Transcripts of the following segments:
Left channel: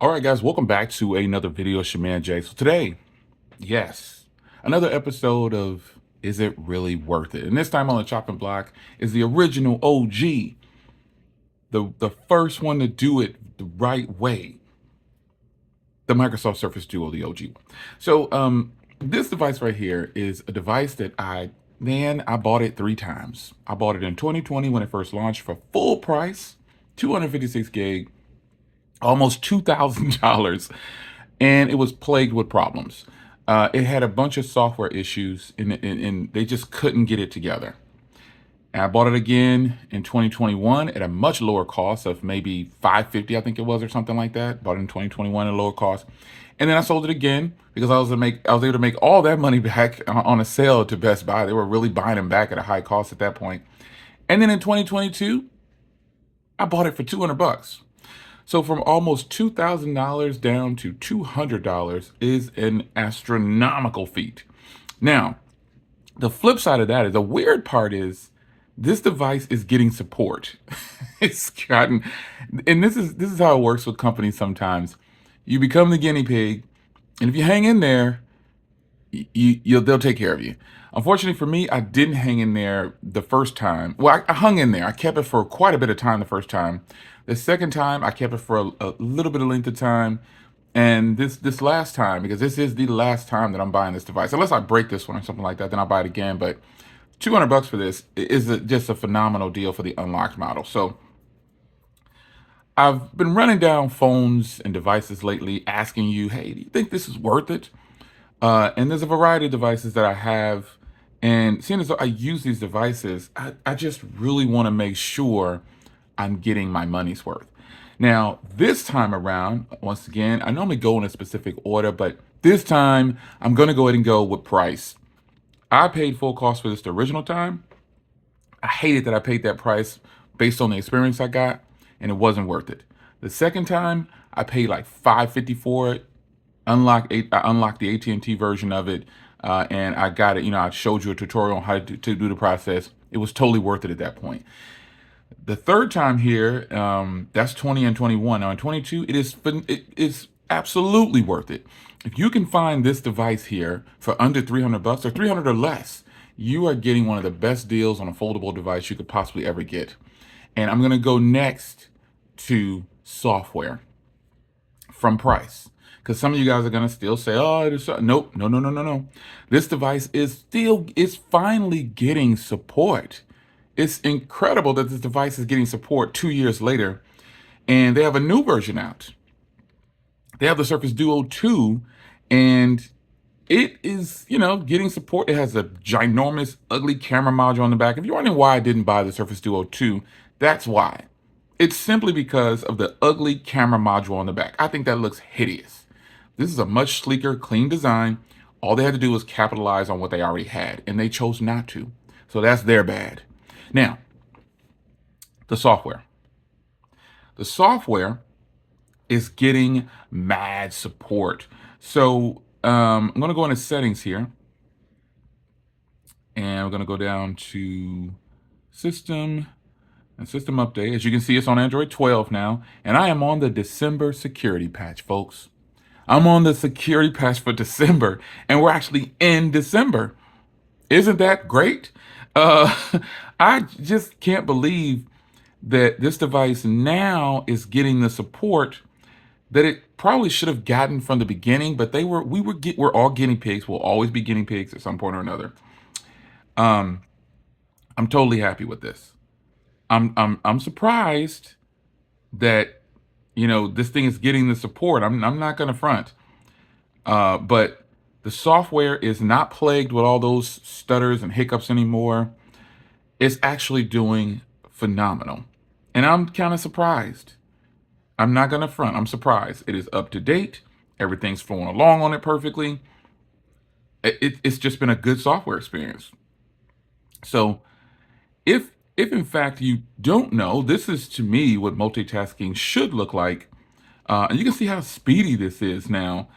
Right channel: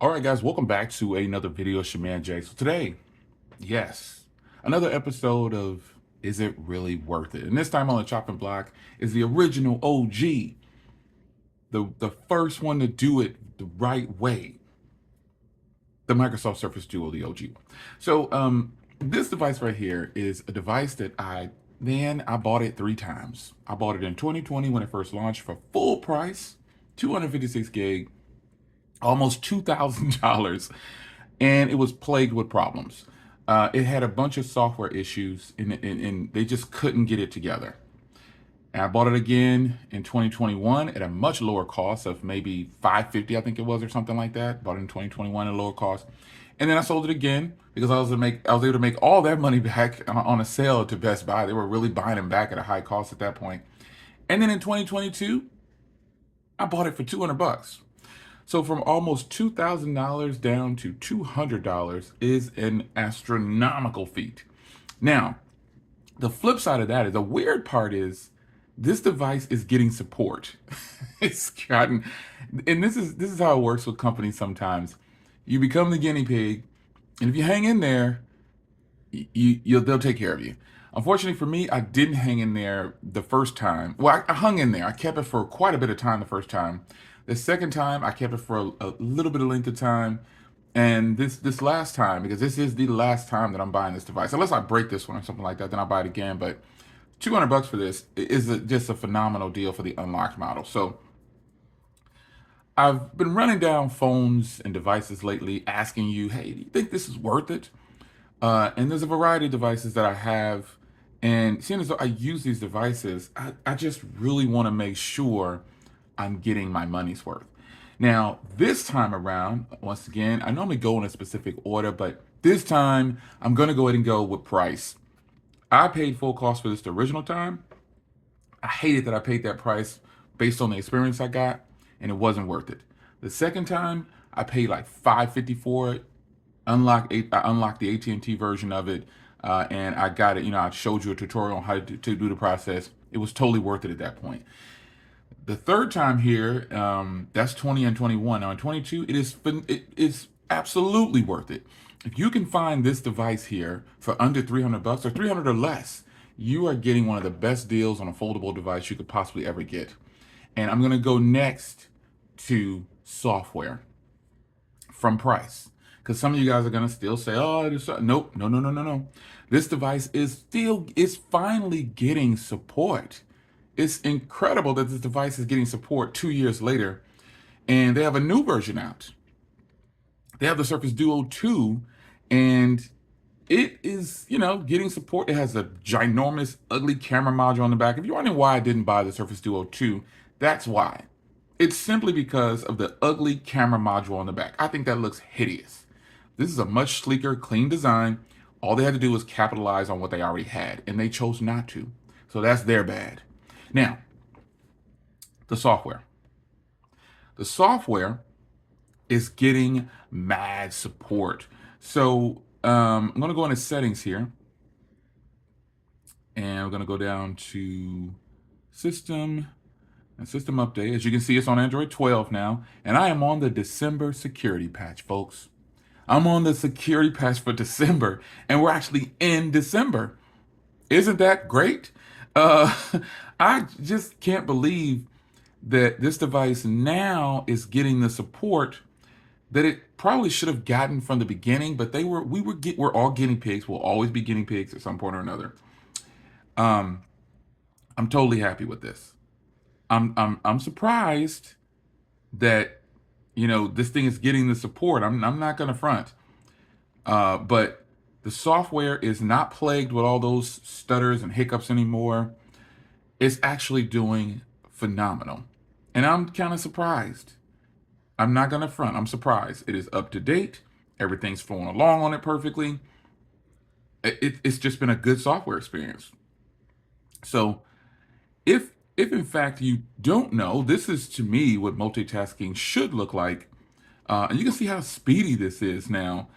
All right, guys, welcome back to another video. It's your man Jay. So today, yes, another episode of Is It Really Worth It? And this time on the chopping block is the original OG, the first one to do it the right way, the Microsoft Surface Duo, the OG one. So this device right here is a device that I bought it 3 times. I bought it in 2020 when it first launched for full price, 256 gig, almost $2,000, and it was plagued with problems. It had a bunch of software issues, and they just couldn't get it together. And I bought it again in 2021 at a much lower cost of maybe $550, I think it was, or something like that. Bought it in 2021 at a lower cost, and then I sold it again because I was able to make all that money back on a sale to Best Buy. They were really buying them back at a high cost at that point. And then in 2022, I bought it for 200 bucks. So from almost $2,000 down to $200 is an astronomical feat. Now, the flip side of that is the weird part is this device is getting support. It's gotten, and this is how it works with companies sometimes. You become the guinea pig, and if you hang in there, they'll take care of you. Unfortunately for me, I didn't hang in there the first time. Well, I hung in there. I kept it for quite a bit of time the first time. The second time, I kept it for a little bit of length of time. And this last time, because this is the last time that I'm buying this device, unless I break this one or something like that, then I'll buy it again. But 200 bucks for this is just a phenomenal deal for the unlocked model. So I've been running down phones and devices lately asking you, hey, do you think this is worth it? And there's a variety of devices that I have. And seeing as though I use these devices, I just really want to make sure I'm getting my money's worth. Now, this time around, once again, I normally go in a specific order, but this time I'm going to go ahead and go with price. I paid full cost for this the original time. I hated that I paid that price based on the experience I got, and it wasn't worth it. The second time, I paid like $550 for it. I unlocked the AT&T version of it, and I got it. I showed you a tutorial on how to do the process. It was totally worth it at that point. The third time here, that's 20 and 21. Now in 22, it's absolutely worth it. If you can find this device here for under 300 bucks or 300 or less, you are getting one of the best deals on a foldable device you could possibly ever get. And I'm going to go next to software from price. Because some of you guys are going to still say, oh, nope, no. This device is finally getting support. It's incredible that this device is getting support 2 years later, and they have a new version out. They have the Surface Duo 2, and it is, getting support. It has a ginormous, ugly camera module on the back. If you're wondering why I didn't buy the Surface Duo 2, that's why. It's simply because of the ugly camera module on the back. I think that looks hideous. This is a much sleeker, clean design. All they had to do was capitalize on what they already had, and they chose not to. So that's their bad. Now, the software. The software is getting mad support. So I'm going to go into settings here. And we're going to go down to system and system update. As you can see, it's on Android 12 now. And I am on the December security patch, folks. I'm on the security patch for December. And we're actually in December. Isn't that great? I just can't believe that this device now is getting the support that it probably should have gotten from the beginning, but we're all guinea pigs. We'll always be guinea pigs at some point or another. I'm totally happy with this. I'm surprised that this thing is getting the support. I'm not gonna front. But the software is not plagued with all those stutters and hiccups anymore. It's actually doing phenomenal. And I'm kind of surprised. I'm not going to front. I'm surprised. It is up to date. Everything's flowing along on it perfectly. It's just been a good software experience. So if in fact you don't know, this is to me what multitasking should look like. And you can see how speedy this is now.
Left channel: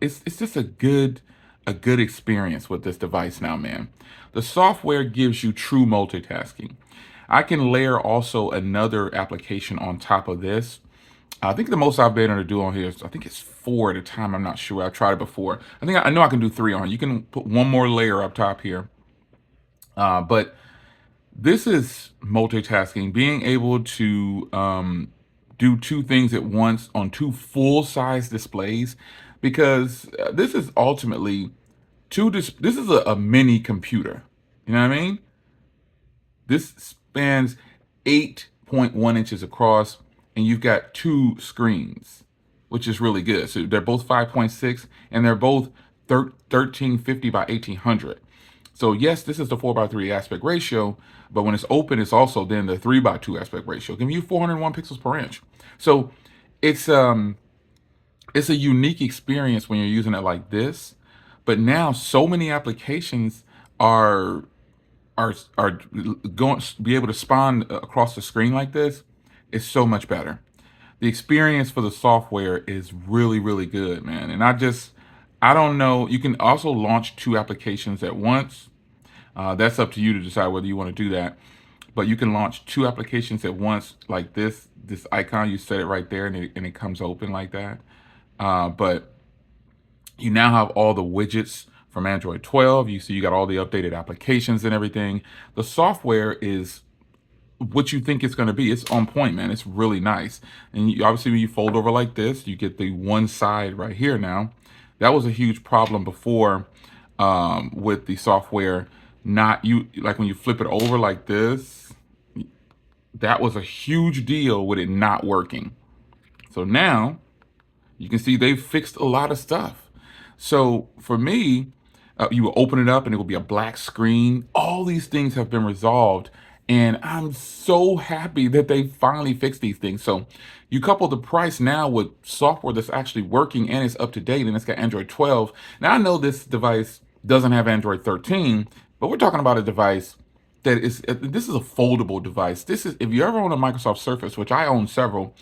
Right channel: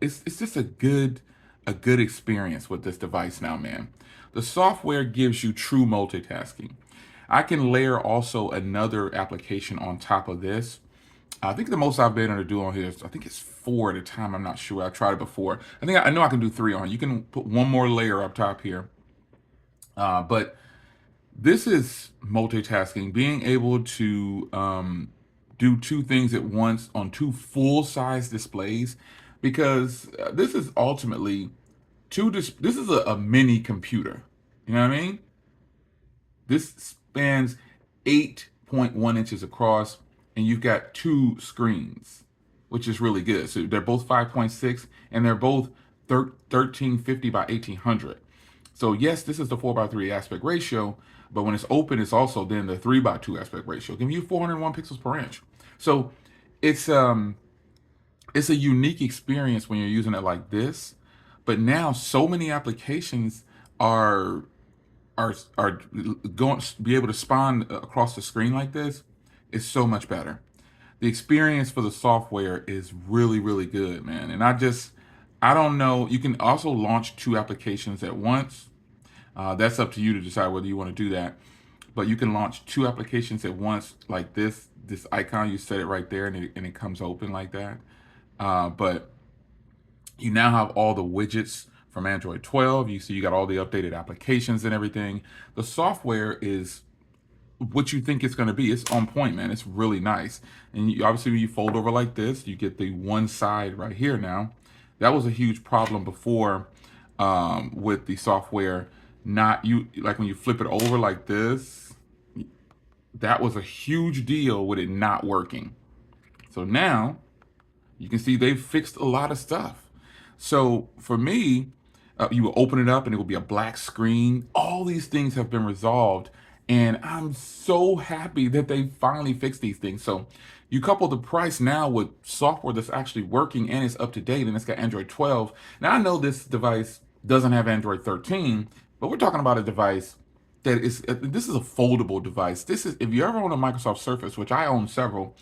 It's just a good experience with this device now, man. The software gives you true multitasking. I can layer also another application on top of this. I think the most I've been able to do on here is, I think it's 4 at a time. I'm not sure. I've tried it before. I know I can do 3 on. You can put one more layer up top here. But this is multitasking, being able to do 2 things at once on 2 full-size displays, because this is ultimately this is a mini computer. You know what I mean? This spans 8.1 inches across, and you've got 2 screens, which is really good. So they're both 5.6, and they're both 1350 by 1800. So yes, this is the 4:3 aspect ratio, but when it's open, it's also then the 3:2 aspect ratio, giving you 401 pixels per inch. So it's um it's a unique experience when you're using it like this. But now so many applications are are going to be able to spawn across the screen like this is so much better. The experience for the software is really good, man. And I don't know. You can also launch 2 applications at once. That's up to you to decide whether you want to do that. But you can launch 2 applications at once, like this icon. You set it right there, and it comes open like that. But you now have all the widgets from Android 12. You see you got all the updated applications and everything. The software is what you think it's going to be. It's on point, man. It's really nice. And obviously, when you fold over like this, you get the one side right here now. That was a huge problem before with the software. Not you like when you flip it over like this. That was a huge deal with it not working. So now you can see they've fixed a lot of stuff. So for me, you will open it up and it will be a black screen. All these things have been resolved. And I'm so happy that they finally fixed these things. So you couple the price now with software that's actually working and it's up to date and it's got Android 12. Now I know this device doesn't have Android 13, but we're talking about a device that this is a foldable device. This is, if you ever own a Microsoft Surface, which I own several,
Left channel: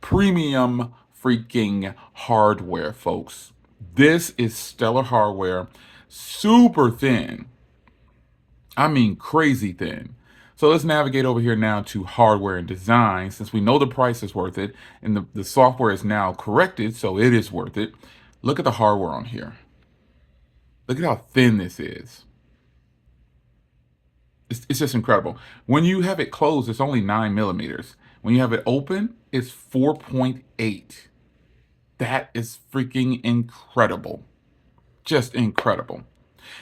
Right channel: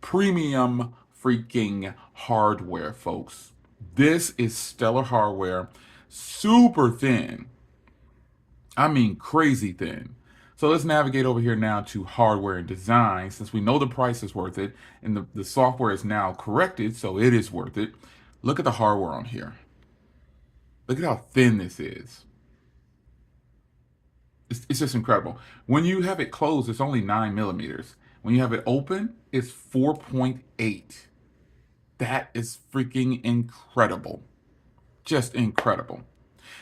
premium freaking hardware, folks. This is stellar hardware, super thin. I mean, crazy thin. So let's navigate over here now to hardware and design, since we know the price is worth it and the software is now corrected, so it is worth it. Look at the hardware on here. Look at how thin this is. It's just incredible. When you have it closed, it's only 9 millimeters. When you have it open, it's 4.8. That is freaking incredible. Just incredible.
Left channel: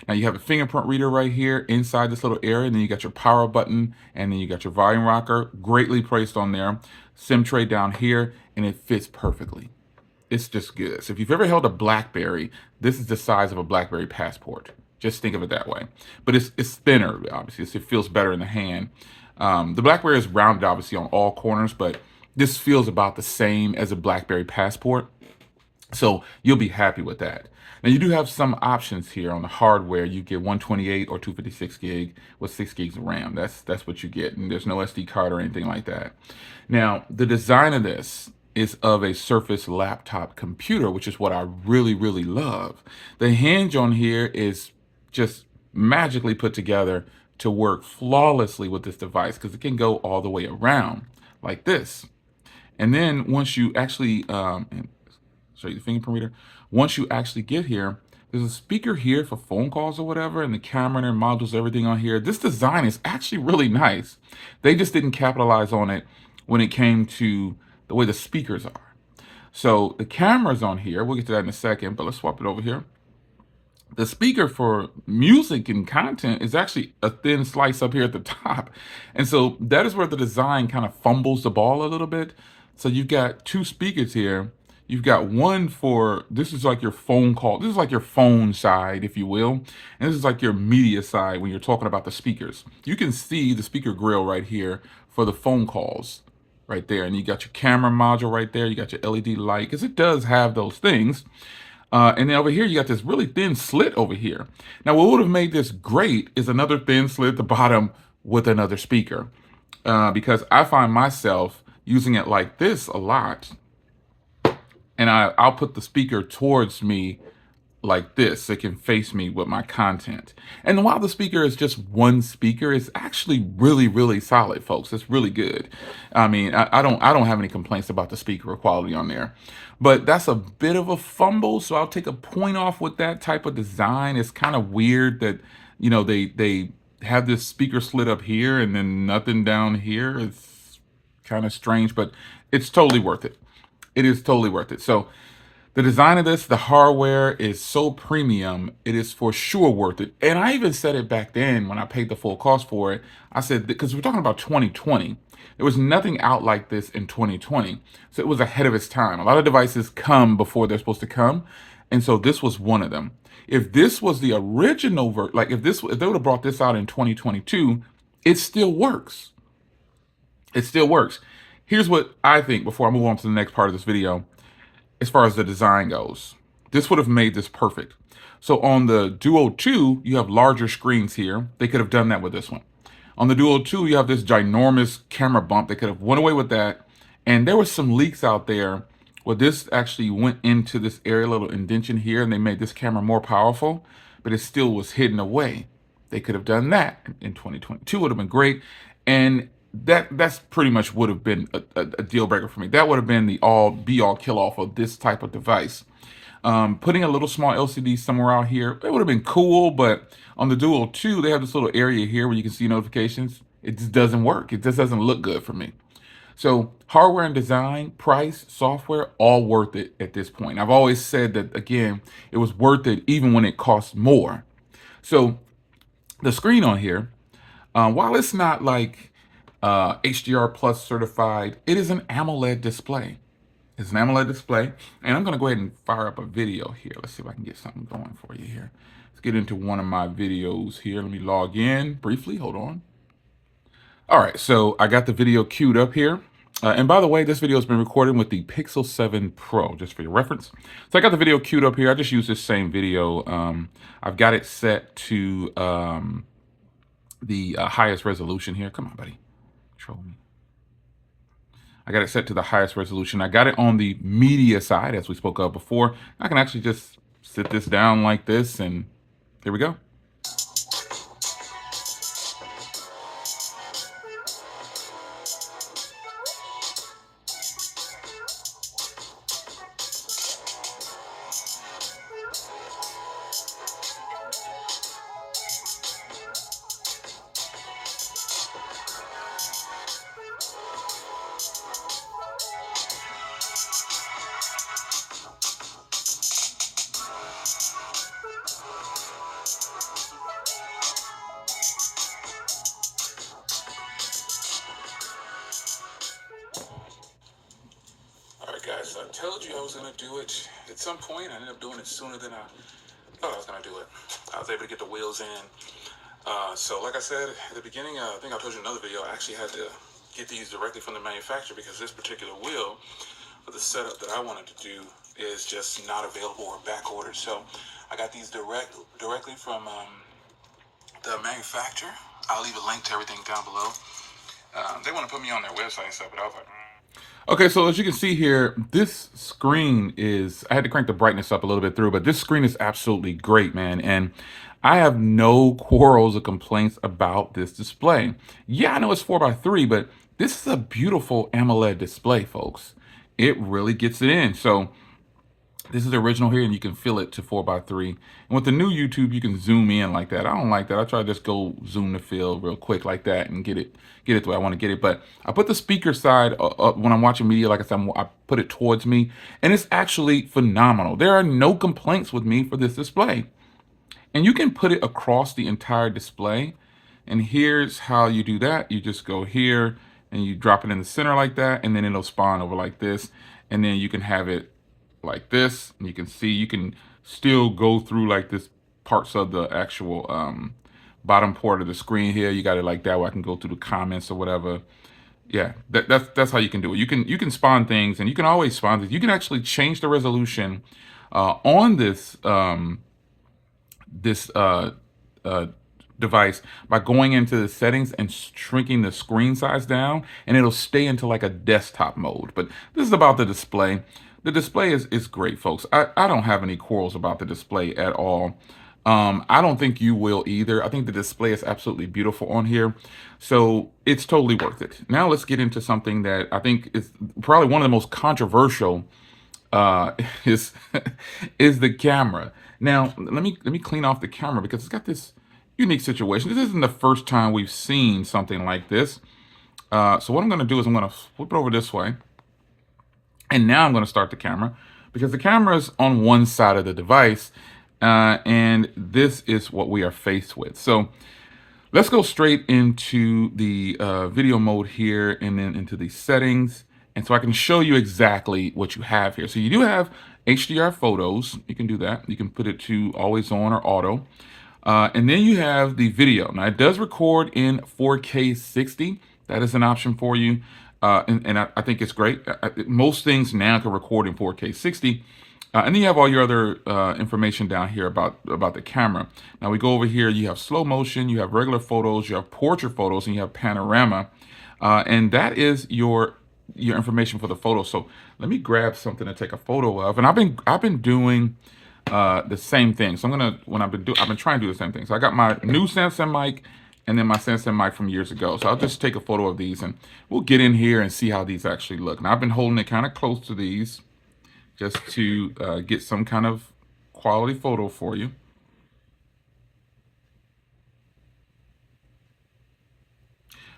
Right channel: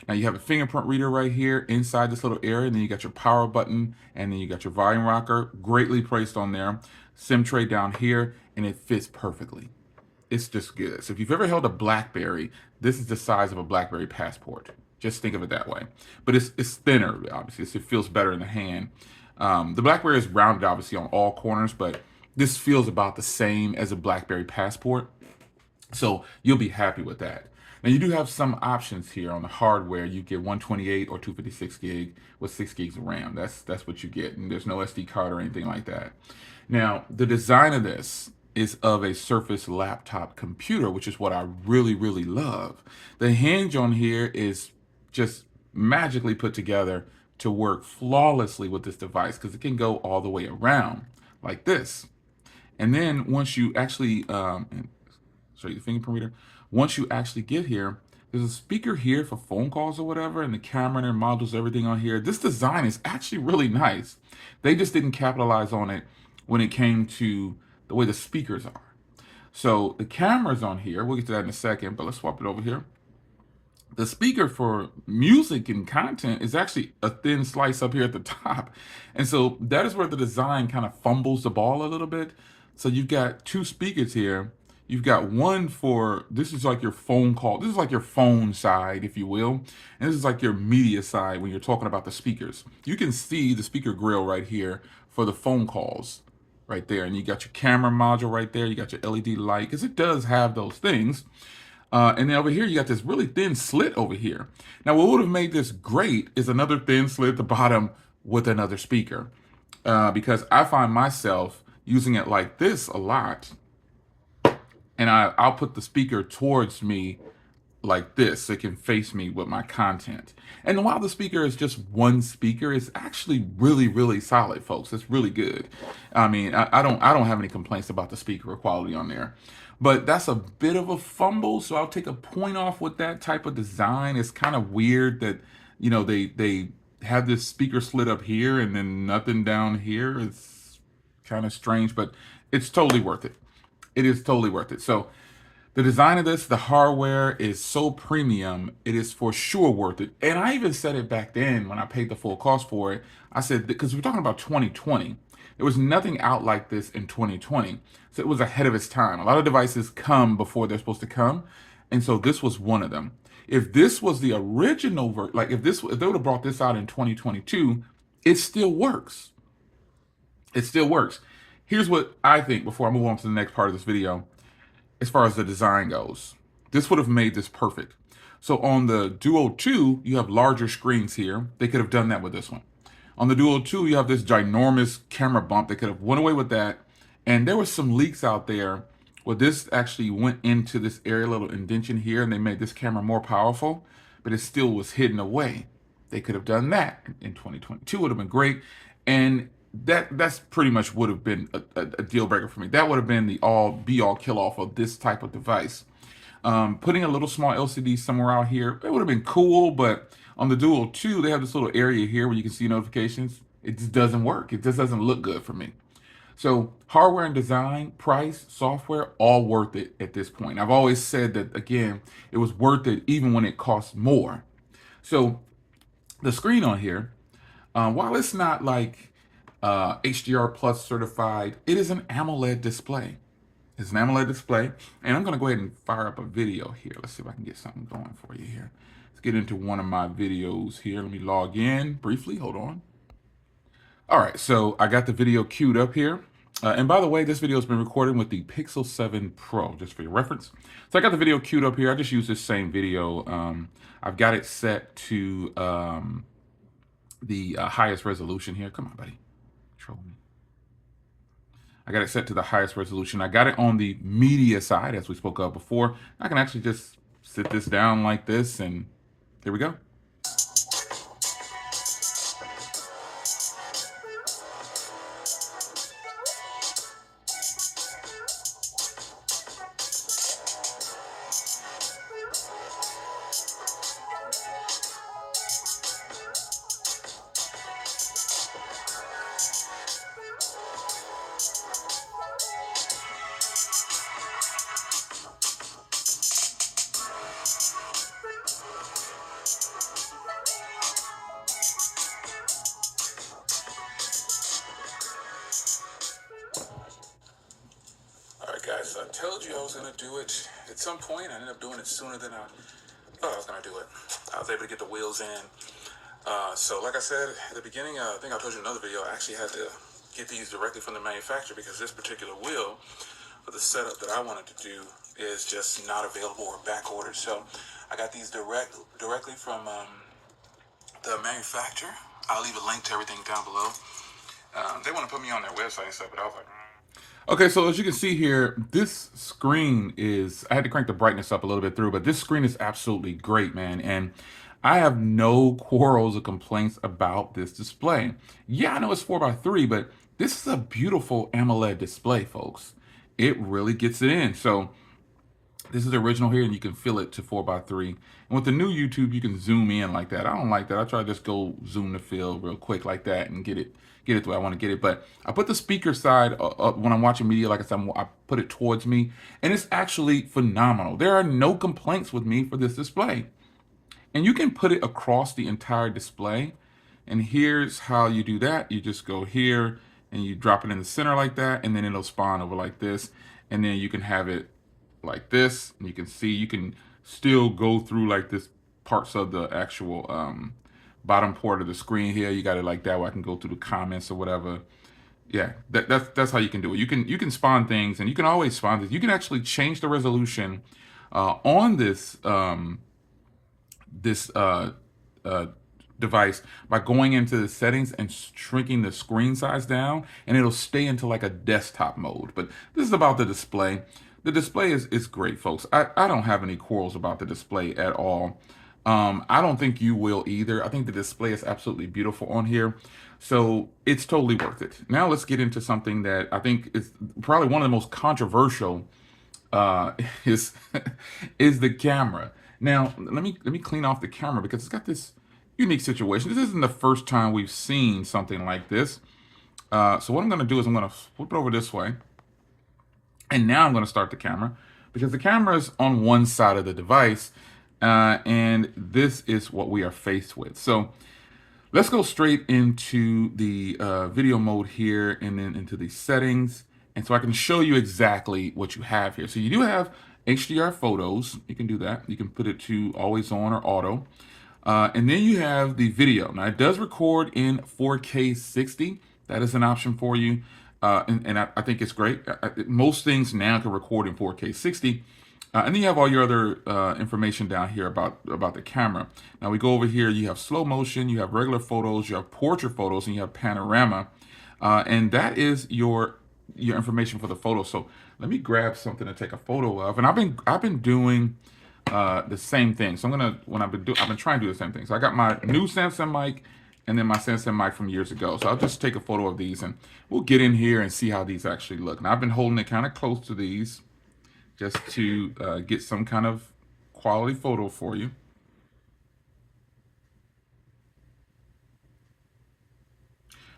Now you have a fingerprint reader right here inside this little area, and then you got your power button, and then you got your volume rocker, greatly placed on there. SIM tray down here, and it fits perfectly. It's just good. So if you've ever held a BlackBerry, this is the size of a BlackBerry Passport. Just think of it that way. But it's thinner, obviously. So it feels better in the hand. The BlackBerry is rounded, obviously, on all corners, but this feels about the same as a BlackBerry Passport. So you'll be happy with that. Now you do have some options here on the hardware. You get 128 or 256 gig with 6 gigs of RAM. That's what you get, and there's no SD card or anything like that. Now the design of this is of a Surface laptop computer, which is what I really love. The hinge on here is just magically put together to work flawlessly with this device, because it can go all the way around like this. And then once you actually show you the fingerprint reader. Once you actually get here, there's a speaker here for phone calls or whatever, and the camera and their modules, everything on here. This design is actually really nice. They just didn't capitalize on it when it came to the way the speakers are. So the camera's on here. We'll get to that in a second, but let's swap it over here. The speaker for music and content is actually a thin slice up here at the top. And so that is where the design kind of fumbles the ball a little bit. So you've got 2 speakers here. You've got one for, this is like your phone call. This is like your phone side, if you will. And this is like your media side when you're talking about the speakers. You can see the speaker grill right here for the phone calls right there. And you got your camera module right there. You got your LED light, because it does have those things. And then over here, you got this really thin slit over here. Now, what would have made this great is another thin slit at the bottom with another speaker. Because I find myself using it like this a lot. And I'll put the speaker towards me like this so it can face me with my content. And while the speaker is just one speaker, it's actually really, really solid, folks. It's really good. I mean, I don't have any complaints about the speaker quality on there. But that's a bit of a fumble, so I'll take a point off with that type of design. It's kind of weird that, they have this speaker slit up here and then nothing down here. It's kind of strange, but it's totally worth it. It is totally worth it. So the design of this, the hardware is so premium, it is for sure worth it. And I even said it back then when I paid the full cost for it. I said, because we're talking about 2020, there was nothing out like this in 2020. So it was ahead of its time. A lot of devices come before they're supposed to come. And so this was one of them. If this was the original, like if they would have brought this out in 2022, it still works. It still works. Here's what I think before I move on to the next part of this video. As far as the design goes, this would have made this perfect. So on the Duo 2, you have larger screens here. They could have done that with this one. On the Duo 2, you have this ginormous camera bump. They could have went away with that. And there was some leaks out there where this actually went into this area, little indentation here, and they made this camera more powerful, but it still was hidden away. They could have done that in 2022. Would have been great. And that's pretty much would have been a deal breaker for me. That would have been the all kill off of this type of device. Putting a little small LCD somewhere out here, it would have been cool, but on the Duo 2, they have this little area here where you can see notifications. It just doesn't work. It just doesn't look good for me. So hardware and design, price, software, all worth it at this point. I've always said that, again, it was worth it even when it costs more. So the screen on here, while it's not like HDR Plus certified, it is an AMOLED display. It's an AMOLED display, and I'm going to go ahead and fire up a video here. Let's see if I can get something going for you here. Let's get into one of my videos here. Let me log in briefly. Hold on. All right, so I got the video queued up here. And by the way, this video has been recorded with the Pixel 7 Pro, just for your reference. So I got the video queued up here. I just used this same video. I've got it set to the highest resolution here. Come on, buddy. Control me. I got it set to the highest resolution. I got it on the media side, as we spoke of before. I can actually just sit this down like this, and here we go. Guys, I told you I was going to do it at some point. I ended up doing it sooner than I thought I was going to do it. I was able to get the wheels in. So like I said at the beginning, I think I told you in another video, I actually had to get these directly from the manufacturer because this particular wheel for the setup that I wanted to do is just not available or back ordered. So I got these directly from the manufacturer. I'll leave a link to everything down below. They want to put me on their website and stuff, but I was like, Okay, so as you can see here, this screen is, I had to crank the brightness up a little bit through, but this screen is absolutely great, man. And I have no quarrels or complaints about this display. Yeah, I know it's 4x3, but this is a beautiful AMOLED display, folks. It really gets it in. So this is the original here, and you can fill it to 4x3. And with the new YouTube, you can zoom in like that. I don't like that. I try to just go zoom the fill real quick like that and get it the way I want to get it. But I put the speaker side up when I'm watching media. Like I said, I put it towards me, and it's actually phenomenal. There are no complaints with me for this display. And you can put it across the entire display. And here's how you do that. You just go here, and you drop it in the center like that, and then it'll spawn over like this. And then you can have it like this, and you can see you can still go through like this parts of the actual bottom part of the screen here. You got it like that where I can go through the comments or whatever. Yeah, that's how you can do it. You can spawn things, and you can always spawn things. You can actually change the resolution on this device by going into the settings and shrinking the screen size down, and it'll stay into like a desktop mode. But this is about the display. the display is great, folks. I don't have any quarrels about the display at all. I don't think you will either. I think the display is absolutely beautiful on here. So it's totally worth it. Now let's get into something that I think is probably one of the most controversial is is the camera. Now let me clean off the camera because it's got this unique situation. This isn't the first time we've seen something like this. So what I'm going to do is I'm going to flip it over this way. And now I'm going to start the camera because the camera is on one side of the device. And this is what we are faced with. So let's go straight into the video mode here and then into the settings. And so I can show you exactly what you have here. So you do have HDR photos. You can do that. You can put it to always on or auto. And then you have the video. Now it does record in 4K 60. That is an option for you. And I think it's great. Most things now can record in 4K 60. And then you have all your other information down here about the camera. Now we go over here, you have slow motion, you have regular photos, you have portrait photos, and you have panorama. And that is your information for the photo. So let me grab something to take a photo of. And I've been doing the same thing. So I've been trying to do the same thing. So I got my new Samsung mic and then my Samsung mic from years ago. So I'll just take a photo of these and we'll get in here and see how these actually look. Now I've been holding it kind of close to these just to get some kind of quality photo for you.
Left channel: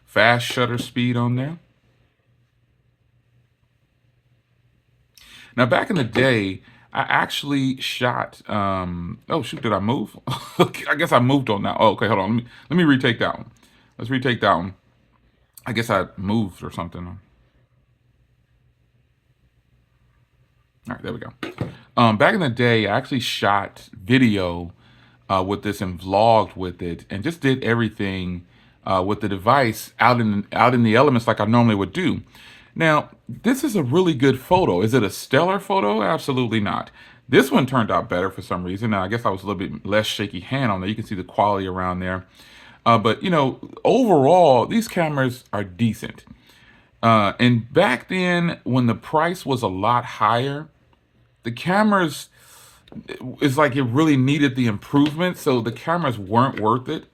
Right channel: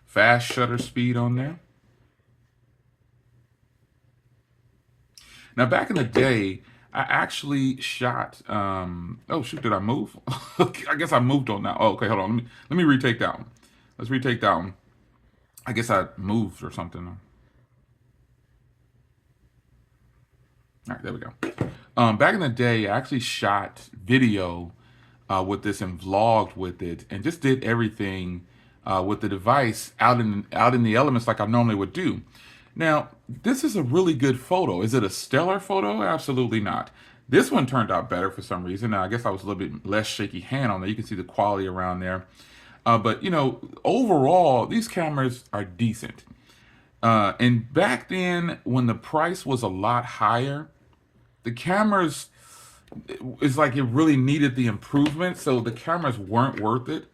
Fast shutter speed on there. Now, back in the day, I actually shot. Oh shoot, did I move? I guess I moved on now. Oh, okay, hold on. Let me retake that one. Let's retake that one. I guess I moved or something. All right, there we go. Back in the day, I actually shot video with this and vlogged with it, and just did everything with the device out in the elements like I normally would do. Now, this is a really good photo. Is it a stellar photo? Absolutely not. This one turned out better for some reason. Now, I guess I was a little bit less shaky hand on there. You can see the quality around there. But, you know, overall, these cameras are decent. And back then, when the price was a lot higher, the cameras, it's like it really needed the improvement. So the cameras weren't worth it.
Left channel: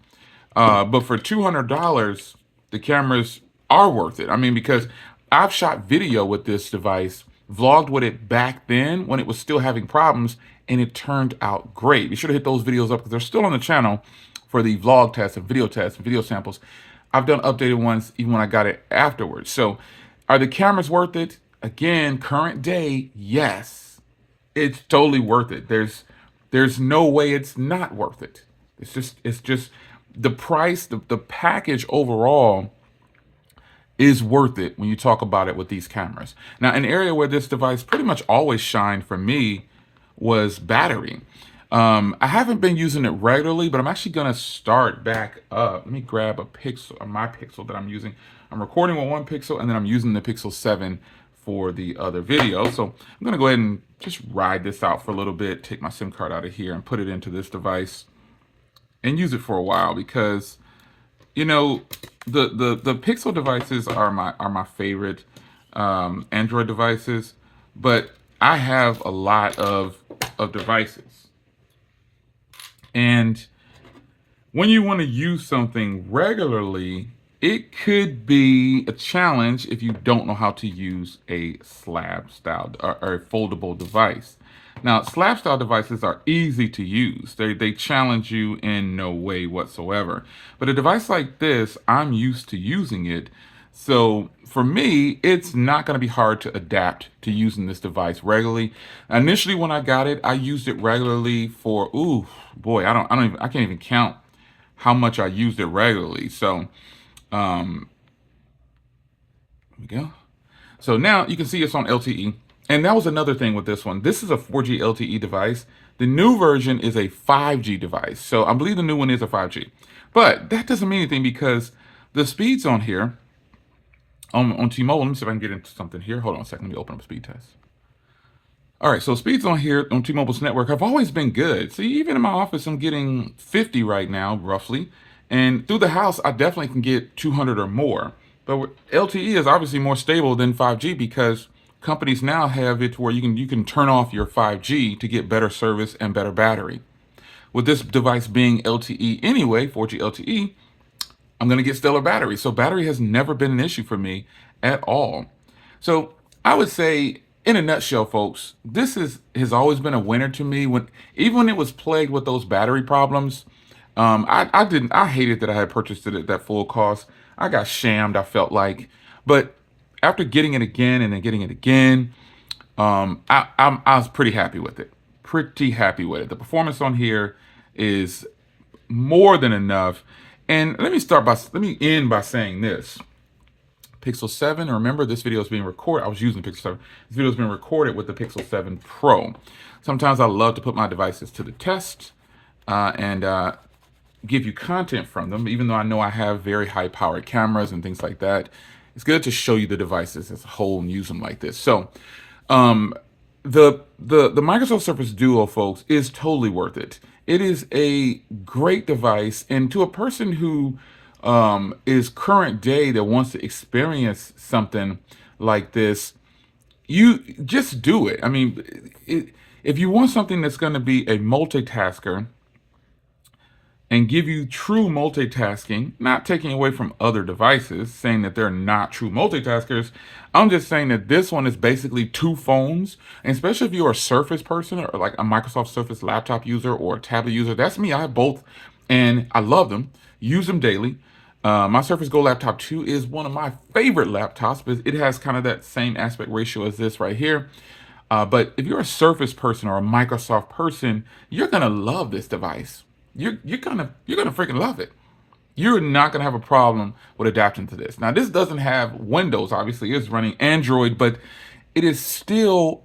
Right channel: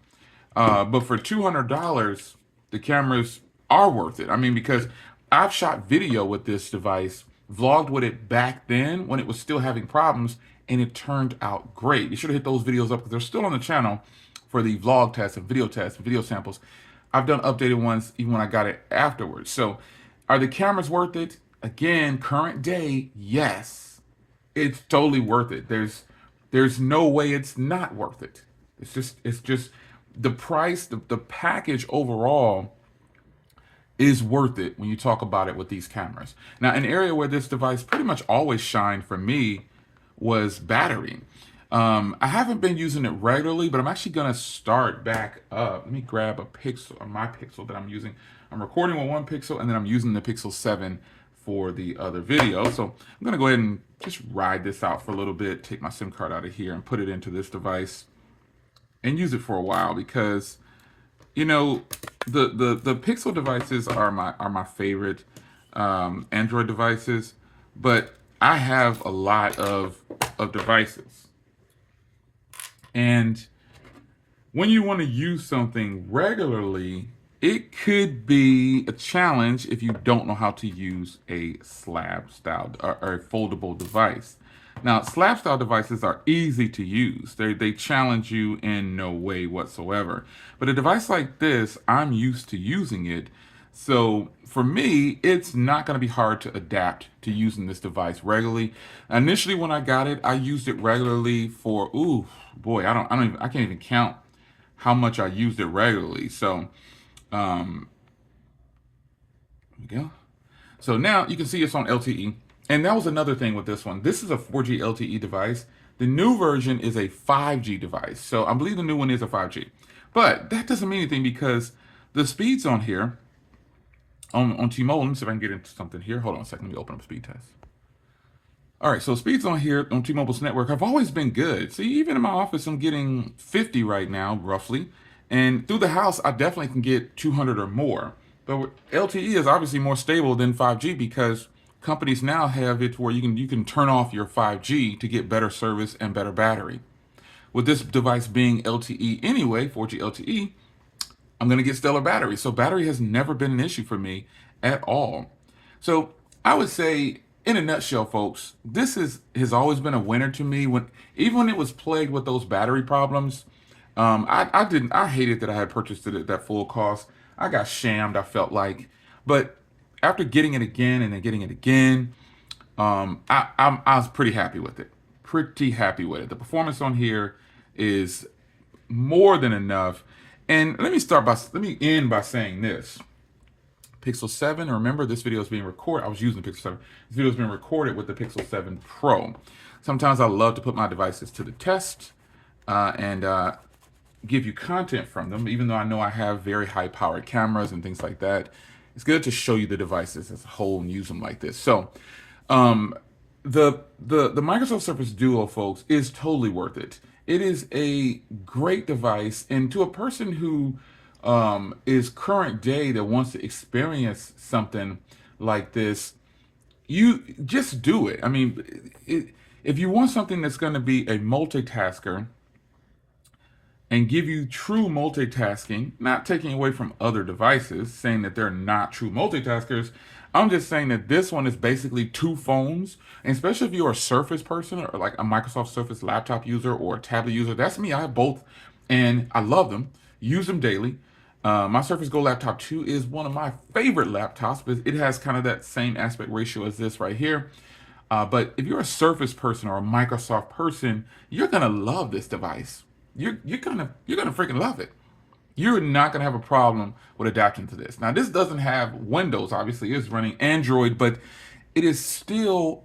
But for $200, the cameras are worth it. I mean, because I've shot video with this device, vlogged with it back then when it was still having problems, and it turned out great. You should have hit those videos up because they're still on the channel for the vlog tests and video samples. I've done updated ones even when I got it afterwards. So are the cameras worth it? Again, current day, yes. It's totally worth it. There's no way it's not worth it. It's just the price, the package overall is worth it when you talk about it with these cameras. Now, an area where this device pretty much always shined for me was battery. I haven't been using it regularly, but I'm actually gonna start back up. Let me grab a pixel, or my pixel that I'm using. I'm recording with one pixel, and then I'm using the Pixel 7 for the other video. So I'm gonna go ahead and just ride this out for a little bit, take my SIM card out of here and put it into this device and use it for a while because, you know, the Pixel devices are my favorite Android devices, but I have a lot of devices, and when you want to use something regularly, it could be a challenge if you don't know how to use a slab style or a foldable device. Now, slab style devices are easy to use. They challenge you in no way whatsoever. But a device like this, I'm used to using it. So for me, it's not going to be hard to adapt to using this device regularly. Initially, when I got it, I used it regularly for, ooh, boy, I can't even count how much I used it regularly. So, there we go. So now you can see it's on LTE. And that was another thing with this one. This is a 4G LTE device. The new version is a 5G device. So I believe the new one is a 5G. But that doesn't mean anything because the speeds on here, on T-Mobile, let me see if I can get into something here. Hold on a second, let me open up speed test. All right, so speeds on here on T-Mobile's network have always been good. See, even in my office, I'm getting 50 right now, roughly. And through the house, I definitely can get 200 or more. But LTE is obviously more stable than 5G because companies now have it where you can turn off your 5G to get better service and better battery. With this device being LTE anyway, 4G LTE, I'm going to get stellar battery. So battery has never been an issue for me at all. So I would say, in a nutshell, folks, this has always been a winner to me. Even when it was plagued with those battery problems, I hated that I had purchased it at that full cost. I got shammed, I felt like. But after getting it again and then getting it again, I was pretty happy with it. Pretty happy with it. The performance on here is more than enough. And let me end by saying this. Pixel 7, remember this video is being recorded. I was using the Pixel 7. This video is being recorded with the Pixel 7 Pro. Sometimes I love to put my devices to the test and give you content from them, even though I know I have very high powered cameras and things like that. It's good to show you the devices as a whole and use them like this. So the Microsoft Surface Duo, folks, is totally worth it. It is a great device, and to a person who is current day that wants to experience something like this, you just do it. I mean, if you want something that's going to be a multitasker and give you true multitasking, not taking away from other devices, saying that they're not true multitaskers. I'm just saying that this one is basically two phones, and especially if you're a Surface person or like a Microsoft Surface laptop user or a tablet user. That's me. I have both, and I love them. Use them daily. My Surface Go Laptop 2 is one of my favorite laptops, but it has kind of that same aspect ratio as this right here. But if you're a Surface person or a Microsoft person, you're gonna love this device. You're gonna freaking love it. You're not gonna have a problem with adapting to this. Now, this doesn't have Windows, obviously, it's running Android, but it is still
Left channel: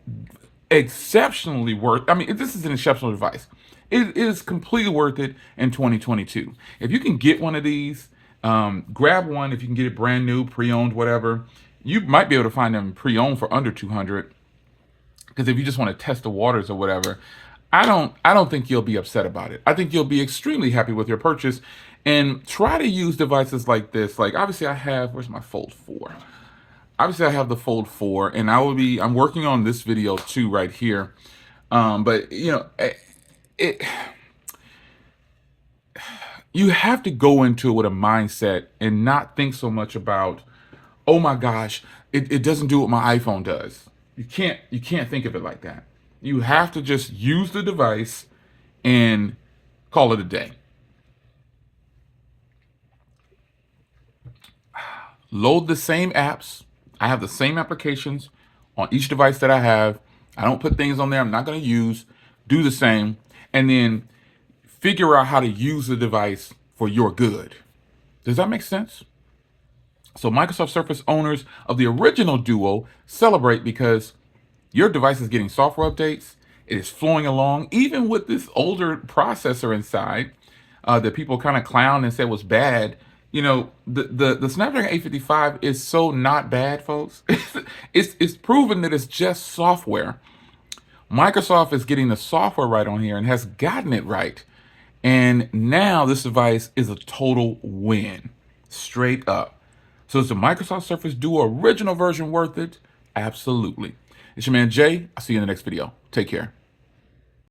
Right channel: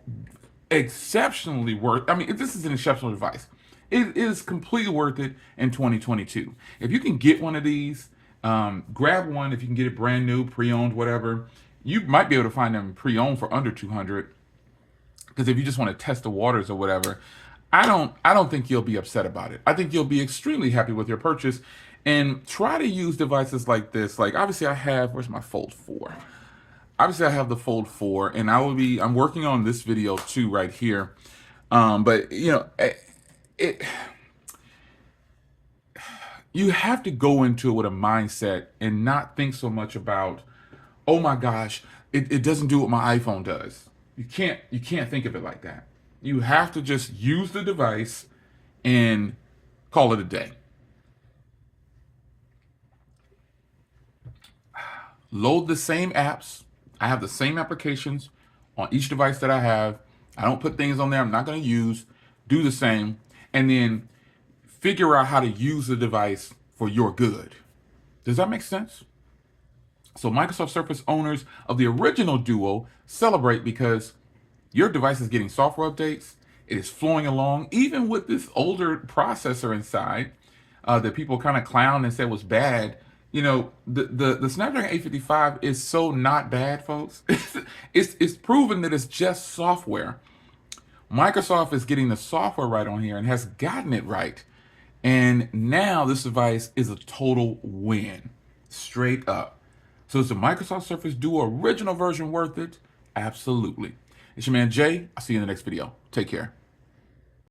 exceptionally worth. I mean, this is an exceptional device. It is completely worth it in 2022. If you can get one of these, grab one. If you can get it brand new, pre-owned, whatever, you might be able to find them pre-owned for under 200. Because if you just want to test the waters or whatever, I don't think you'll be upset about it. I think you'll be extremely happy with your purchase, and try to use devices like this. Like, obviously where's my Fold 4? Obviously I have the Fold 4, and I'm working on this video too right here. But you have to go into it with a mindset and not think so much about, oh my gosh, it doesn't do what my iPhone does. You can't think of it like that. You have to just use the device and call it a day. Load the same apps. I have the same applications on each device that I have. I don't put things on there I'm not going to use. Do the same. And then figure out how to use the device for your good. Does that make sense? So Microsoft Surface owners of the original Duo celebrate because your device is getting software updates. It is flowing along, even with this older processor inside that people kind of clown and say was bad. You know, the Snapdragon 855 is so not bad, folks. It's proven that it's just software. Microsoft is getting the software right on here and has gotten it right. And now this device is a total win, straight up. So is the Microsoft Surface Duo original version worth it? Absolutely. It's your man Jay. I'll see you in the next video. Take care.